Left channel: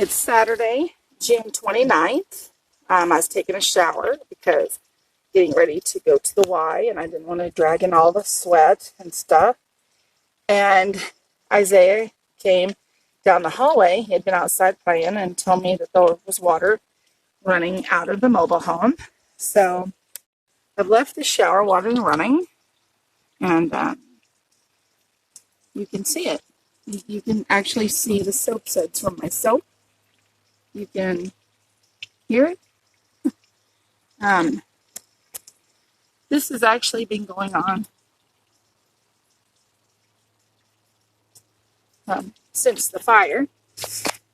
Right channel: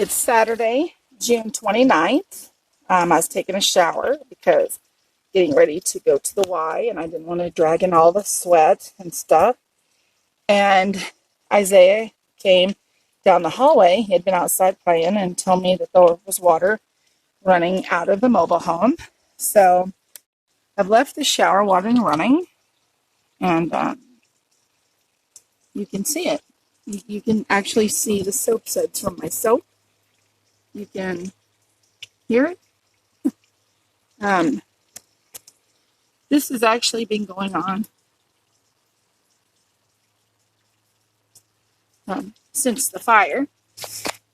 It's Saturday, June 29th. I was taking a shower because getting ready to go to the Y, and I didn't want to drag in all the sweat and stuff. And Isaiah came down the hallway. He had been outside playing and told me that there was water running out of the mobile home. So I've left the shower water running, and you can see it. You can actually see the soap suds from my soap. You can hear it. This has actually been going on since the fire,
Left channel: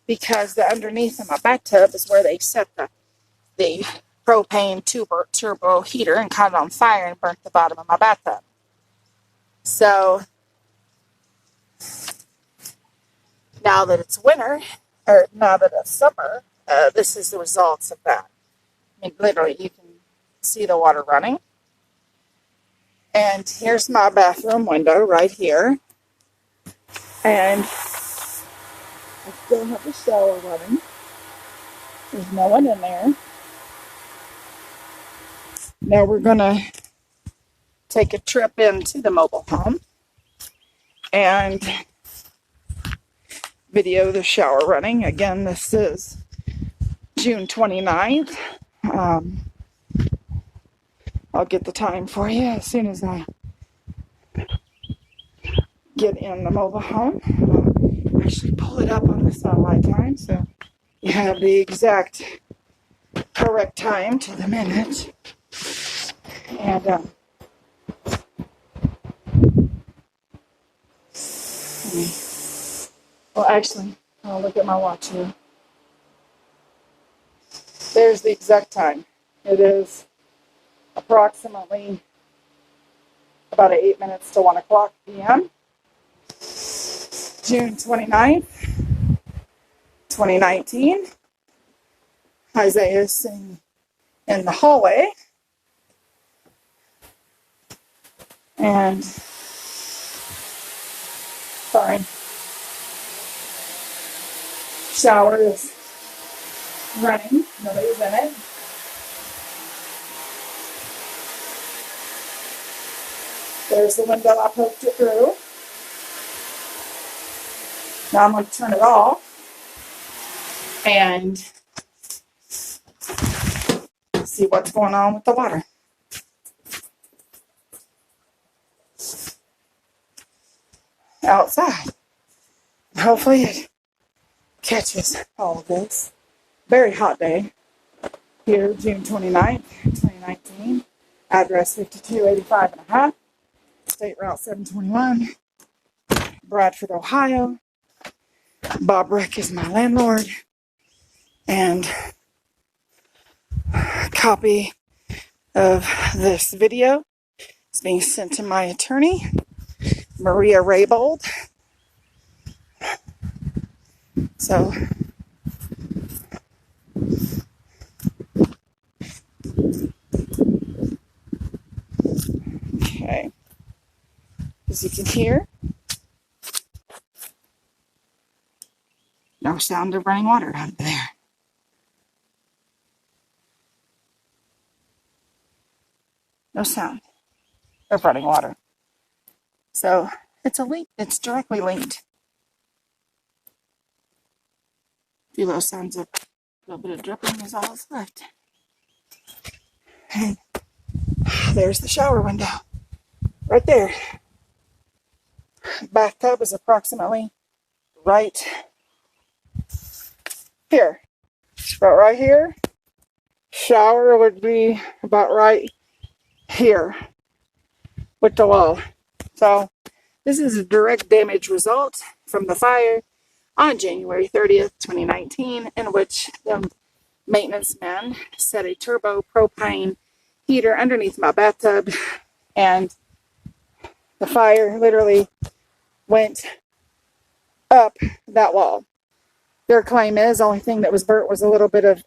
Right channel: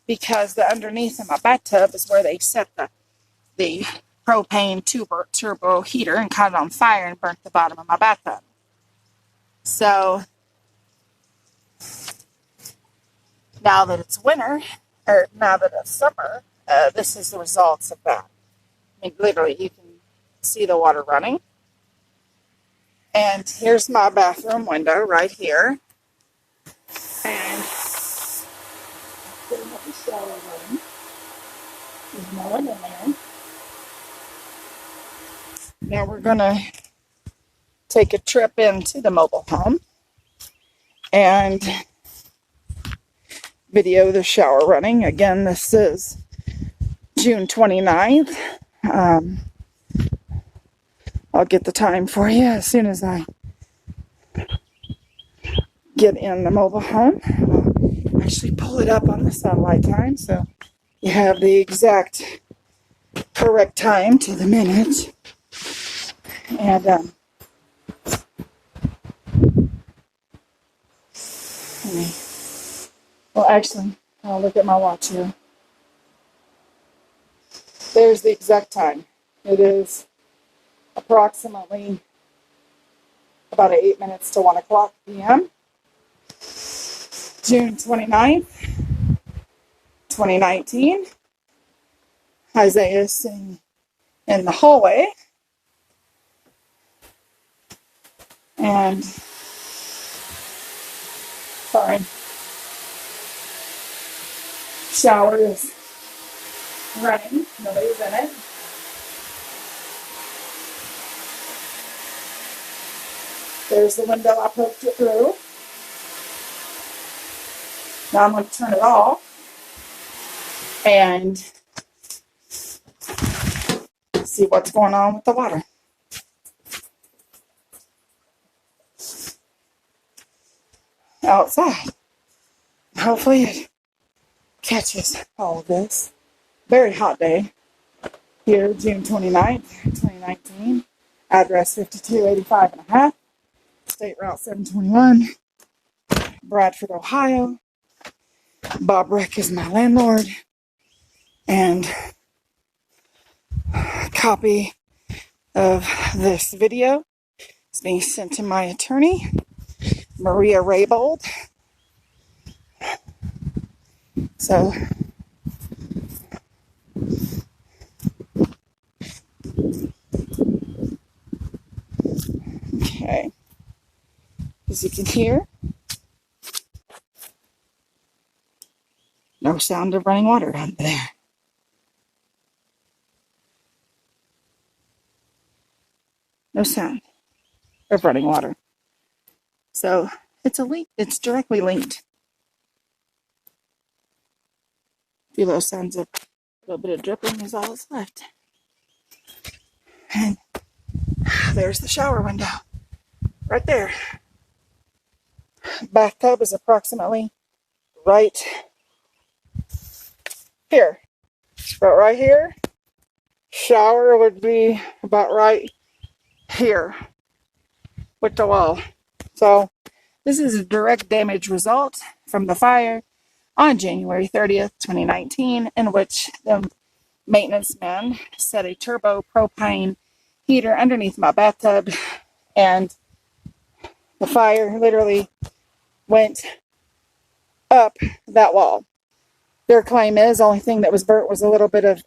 because the underneath of my bathtub is where they set the propane turbo heater and caught it on fire and burnt the bottom of my bathtub. So now that it's winter, or now that it's summer, this is the results of that. I mean, literally, you can see the water running. And here's my bathroom window right here. And I still have the shower running. There's no one in there. Now we're going to take a trip into the mobile home and video the shower running. Again, this is June 29th. I'll get the time for you as soon as I get in the mobile home. I'll actually pull it up on the satellite time so you have the exact correct time to the minute. And well, actually, I'll look at my watch here. There's the exact time. It is approximately about 8 minutes to 1 o'clock p.m. June 29th, 2019. Isaiah is sitting in the hallway. And, sorry, shower is running. Nobody's in it. There's the window I poked it through. Now I'm going to turn it off and see what's going on with the water. Outside. Hopefully it catches all of this. Very hot day. Here, June 29th, 2019. Address 5285 and a half. State Route 721. Bradford, Ohio. Bob Reck is my landlord. And a copy of this video is being sent to my attorney, Maria Raybold. So, okay. As you can hear, no sound of running water down there. No sound of running water. So it's a leak. It's directly linked. A few little sounds of a little bit of dripping is all that's left. And there's the shower window. Right there. Bathtub is approximately right here. But right here, shower would be about right here with the wall. So this is a direct damage result from the fire on January 30th, 2019, in which the maintenance man set a turbo propane heater underneath my bathtub, and the fire literally went up that wall. Their claim is the only thing that was burnt was a little bit of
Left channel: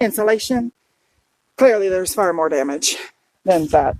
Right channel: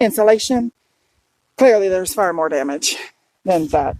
insulation. Clearly there's far more damage than that.